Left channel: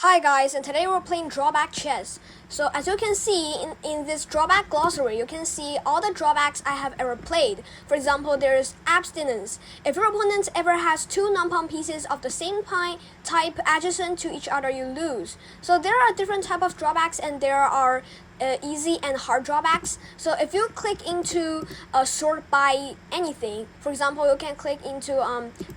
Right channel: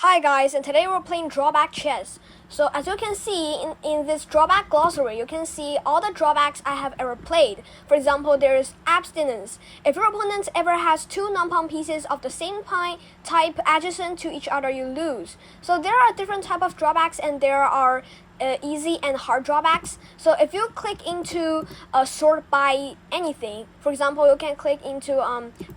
Hi guys, and today we're playing Drawback chess. So as you can see in this Drawback glossary, you can see all the drawbacks I have ever played. For example, there's abstinence. If your opponent ever has two non-pawn pieces of the same type adjacent to each other, you lose. So there are different type of drawbacks, and there are easy and hard drawbacks. So if you click into sort by anything, for example, you can click into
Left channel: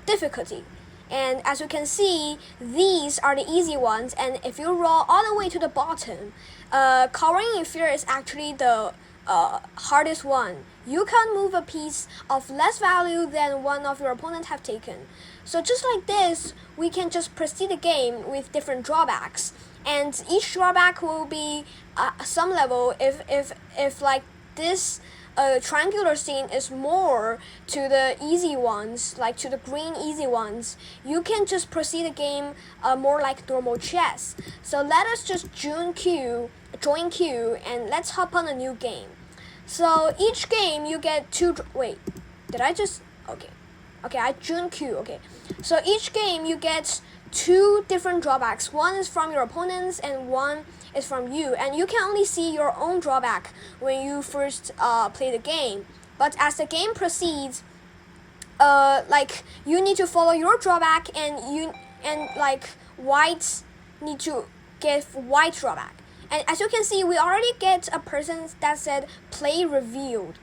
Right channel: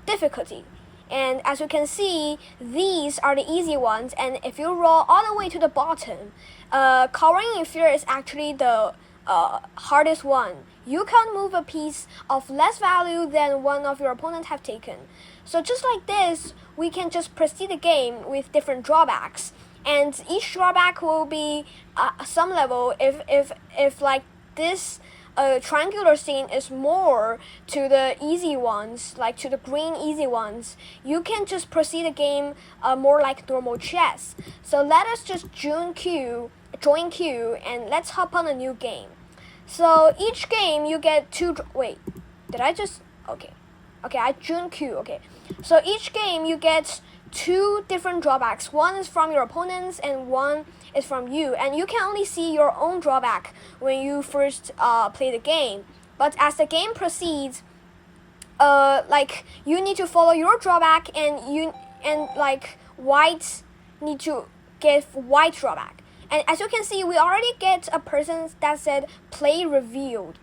difficulty. And as you can see, these are the easy ones. And if you roll all the way to the bottom, cowering in fear is actually the hardest one. You can't move a piece of less value than one of your opponent have taken. So just like this, we can just proceed the game with different drawbacks. And each drawback will be some level. If like this triangular scene is more to the easy ones, like to the green easy ones, you can just proceed the game more like normal chess. So let us just join queue, and let's hop on a new game. So each game you get two. Wait, did I just? Okay, I join queue. Okay, so each game you get two different drawbacks. One is from your opponents and one is from you, and you can only see your own drawback when you first play the game. But as the game proceeds, like you need to follow your drawback, and like white need to get white drawback. And as you can see, we already get a person that said play revealed.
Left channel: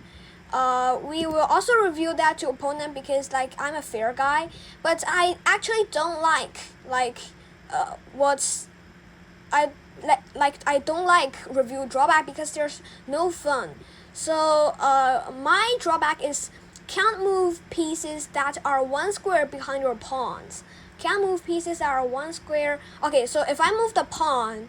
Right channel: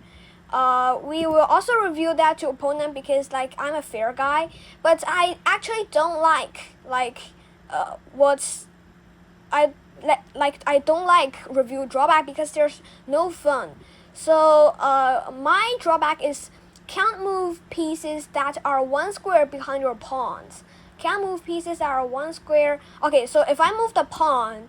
We will also reveal that to opponent because like I'm a fair guy, but I actually don't like I don't like review drawback because there's no fun. So my drawback is can't move pieces that are one square behind your pawns. Can't move pieces that are one square. Okay, so if I move the pawn,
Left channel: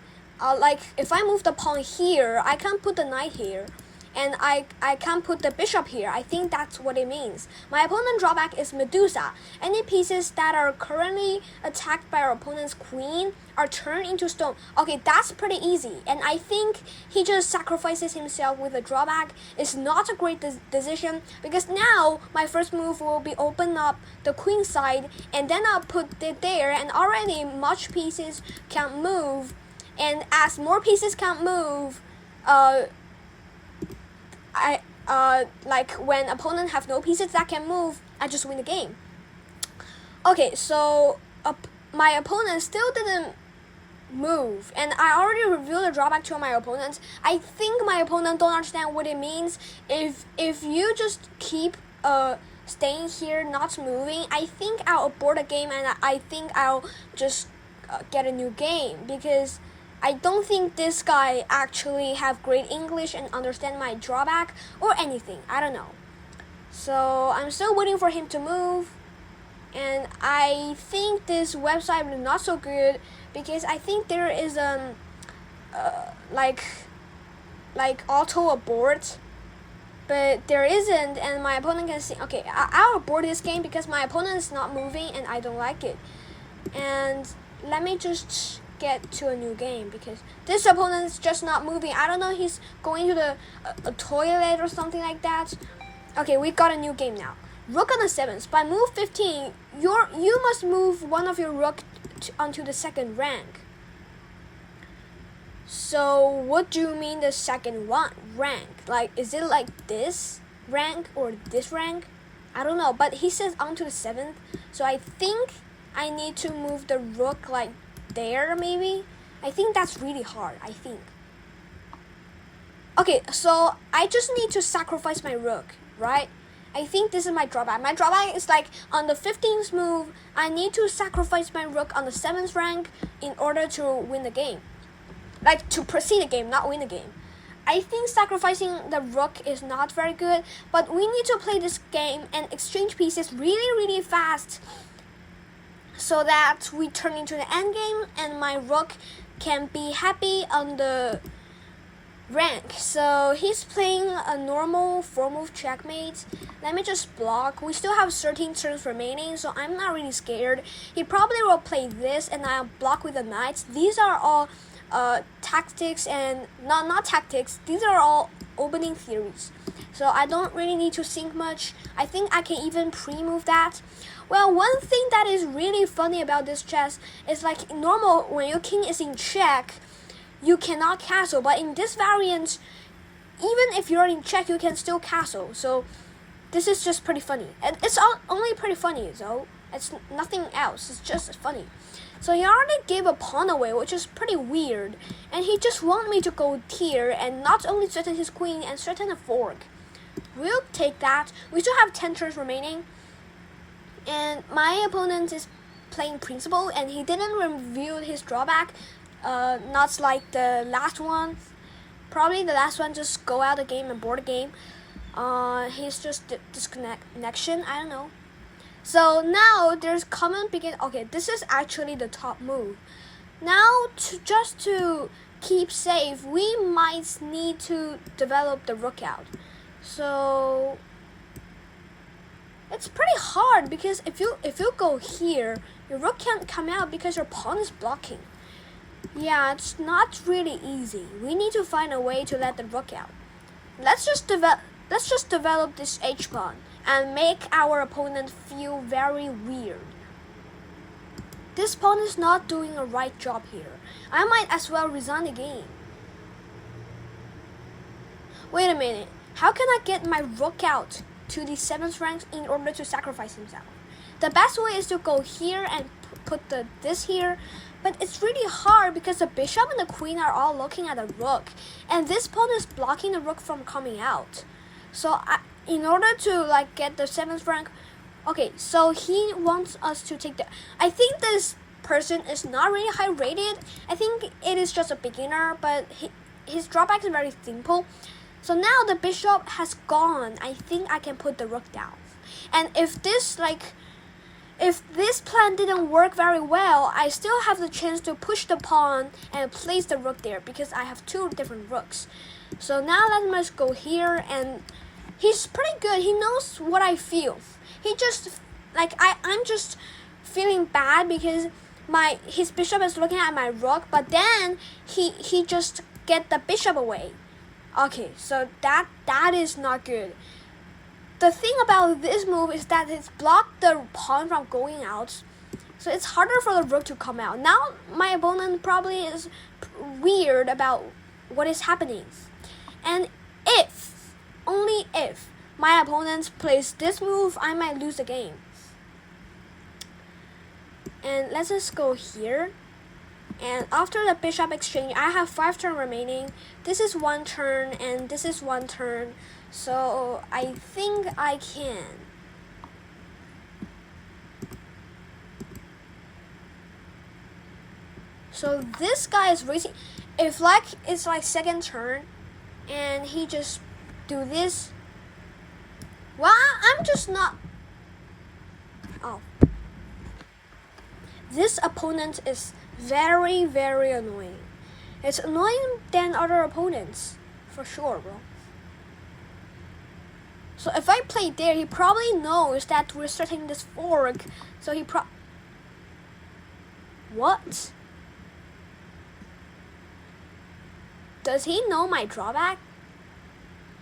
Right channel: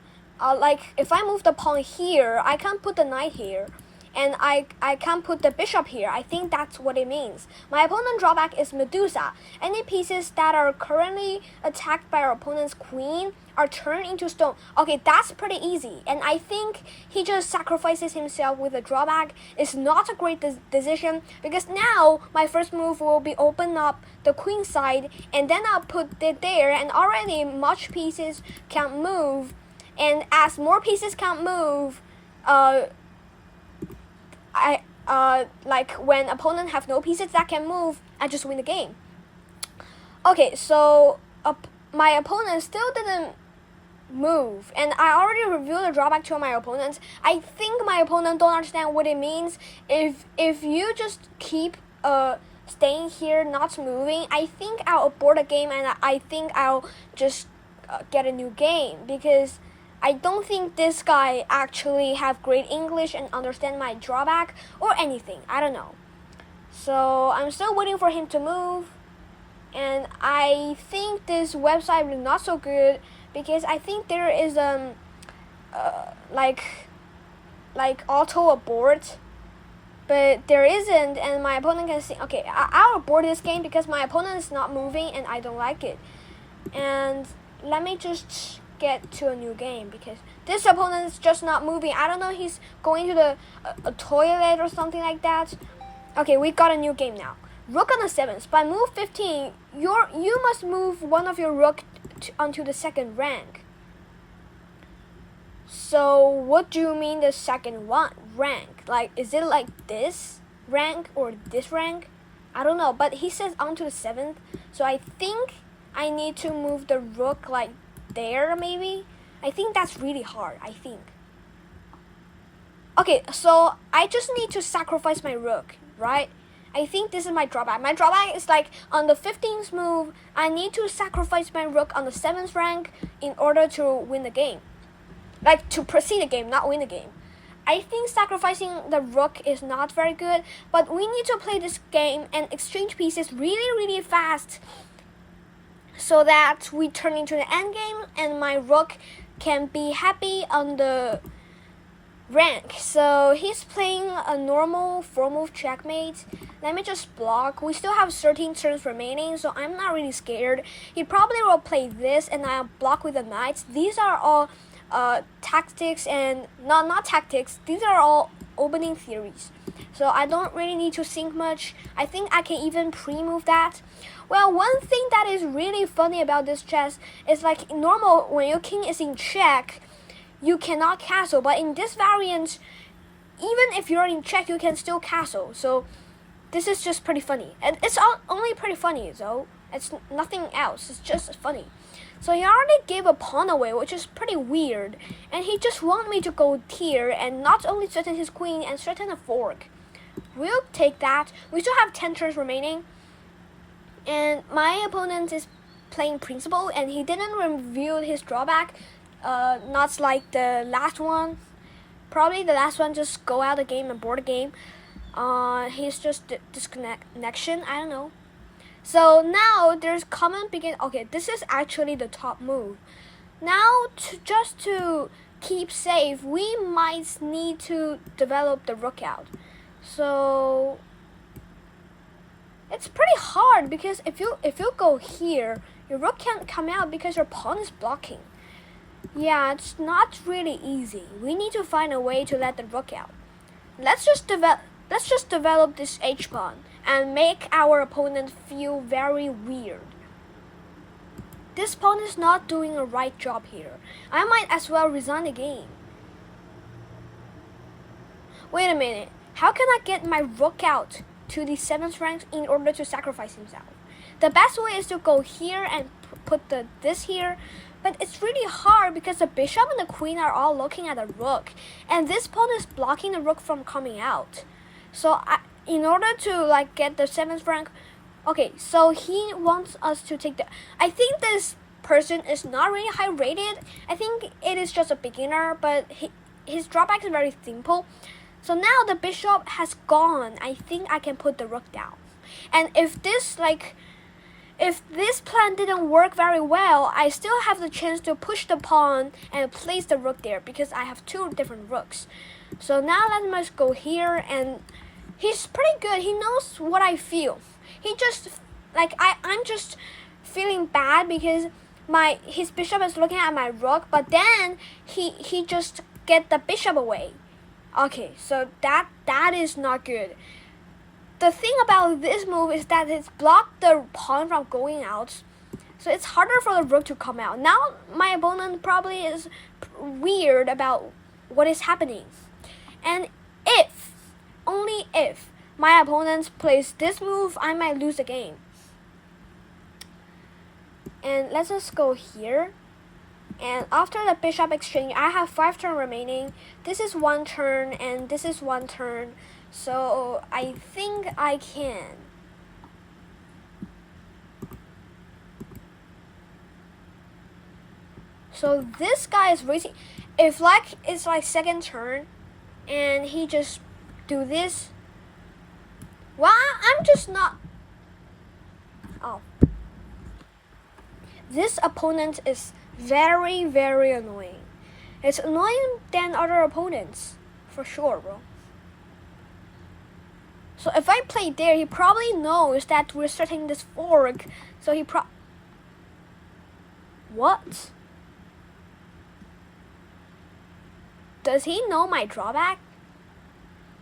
if I move the pawn here, I can't put the knight here. And I can't put the bishop here. I think that's what it means. My opponent drawback is Medusa. Any pieces that are currently attacked by our opponent's queen are turned into stone. Okay, that's pretty easy. And I think he just sacrifices himself with a drawback. It's not a great decision because now my first move will be open up the queen side, and then I'll put it there, and already much pieces can't move. And as more pieces can't move, like when opponent have no pieces that can move, I just win the game. Okay, so my opponent still didn't move, and I already revealed the drawback to my opponent. I think my opponent don't understand what it means. If you just keep staying here, not moving, I think I'll abort the game, and I think I'll just get a new game because I don't think this guy actually have great English and understand my drawback or anything. I don't know. So I'm still waiting for him to move. And I think this website is not so good because I think there is like auto abort, but there isn't, and my opponent can see. Okay, I'll abort this game because my opponent is not moving and I don't like it. And let me just get to a new game because this opponent is just not moving. I don't know, he's going to the toilet or something like that. Okay, we got a new game now. Rook on the 7th. By move 15, you must move one of your rook onto the second rank. So what do you mean the second rank? Like, is it like this rank or this rank? I don't know, but he says onto the 7th, so I think I need to move the rook like there, maybe. I think that's really hard. I think. Okay, so I just need to sacrifice my rook, right? I think this is my drawback. My drawback is like on the 15th move, I need to sacrifice my rook on the 7th rank in order to win the game. Like to proceed the game, not win the game. I think sacrificing the rook is not very good, but we need to play this game and exchange pieces really fast, so that we turn into the endgame and my rook can be happy on the rank. So he's playing a normal 4-move checkmate. Let me just block. We still have 13 turns remaining, so I'm not really scared. He probably will play this and I'll block with the knights. These are all tactics, and not tactics. These are all opening theories. So I don't really need to think much. I think I can even pre-move that. Well, one thing that is really funny about this chess is like normal when your king is in check, you cannot castle. But in this variant, even if you're in check, you can still castle. So this is just pretty funny. And it's only pretty funny though. It's nothing else. It's just funny. So he already gave a pawn away, which is pretty weird. And he just wanted me to go here and not only threaten his queen and threaten a fork. We'll take that. We still have 10 turns remaining. And my opponent is playing principal, and he didn't reveal his drawback. Not like the last one. Probably the last one just go out of the game and board the game. He's just disconnection. I don't know. So now there's common begin. Okay, this is actually the top move. Now just to keep safe, we might need to develop the rook out. So it's pretty hard because if you go here, your rook can't come out because your pawn is blocking. Yeah, it's not really easy. We need to find a way to let the rook out. Let's just develop this h pawn and make our opponent feel very weird. This pawn is not doing a right job here. I might as well resign the game. Wait a minute. How can I get my rook out to the 7th rank in order to sacrifice himself? The best way is to go here and put this here, but it's really hard because the bishop and the queen are all looking at the rook, and this pawn is blocking the rook from coming out. So in order to get the 7th rank, okay, so he wants us to take the. I think this person is not really high rated. I think it is just a beginner, but his drawback is very simple. So now the bishop has gone. I think I can put the rook down. And if this plan didn't work very well, I still have the chance to push the pawn and place the rook there because I have 2 different rooks. So now let us go here, and he's pretty good. He knows what I feel. He just I'm just feeling bad because his bishop is looking at my rook, but then he just get the bishop away. Okay, so that is not good. The thing about this move is that it's blocked the pawn from going out, so it's harder for the rook to come out. Now my opponent probably is weird about what is happening. And only if, my opponent plays this move, I might lose the game. And let's just go here. And after the bishop exchange, I have 5 turns remaining. This is 1 turn, and this is 1 turn. So I think I can. So this guy is racing. If it's 2nd turn, and he just do this. Well, I'm just not. Oh. This opponent is very, very annoying. It's annoying than other opponents, for sure, bro. So if I play there, he probably knows that we're starting this fork. So what? Does he know my drawback?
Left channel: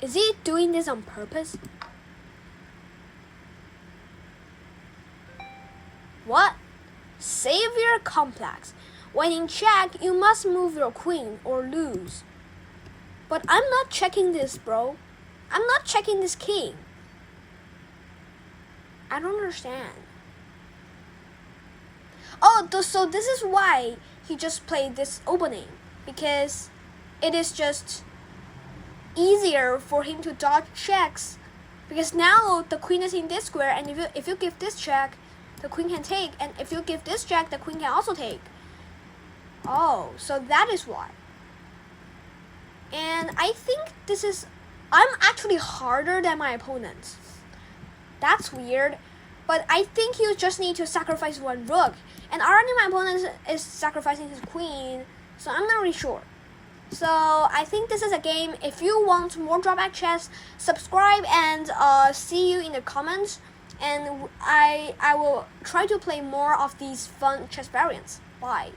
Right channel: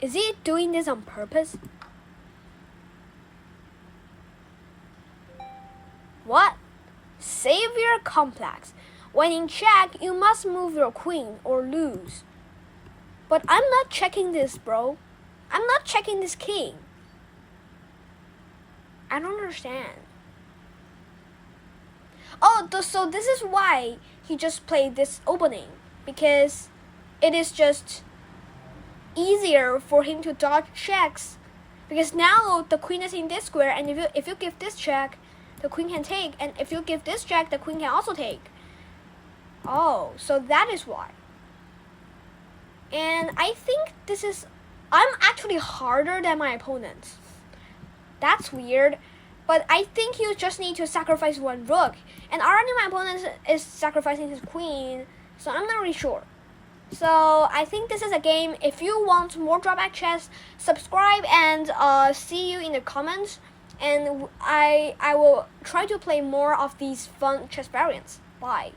Is he doing this on purpose? What? Savior complex. When in check, you must move your queen or lose. But I'm not checking this, bro. I'm not checking this king. I don't understand. Oh, so this is why he just played this opening. Because it is just easier for him to dodge checks. Because now the queen is in this square, and if you give this check, the queen can take. And if you give this check, the queen can also take. Oh, so that is why. And I think I'm actually harder than my opponent. That's weird. But I think you just need to sacrifice 1 rook. And already my opponent is sacrificing his queen. So I'm not really sure. So I think this is a game. If you want more drawback chess, subscribe and see you in the comments. And I will try to play more of these fun chess variants. Bye.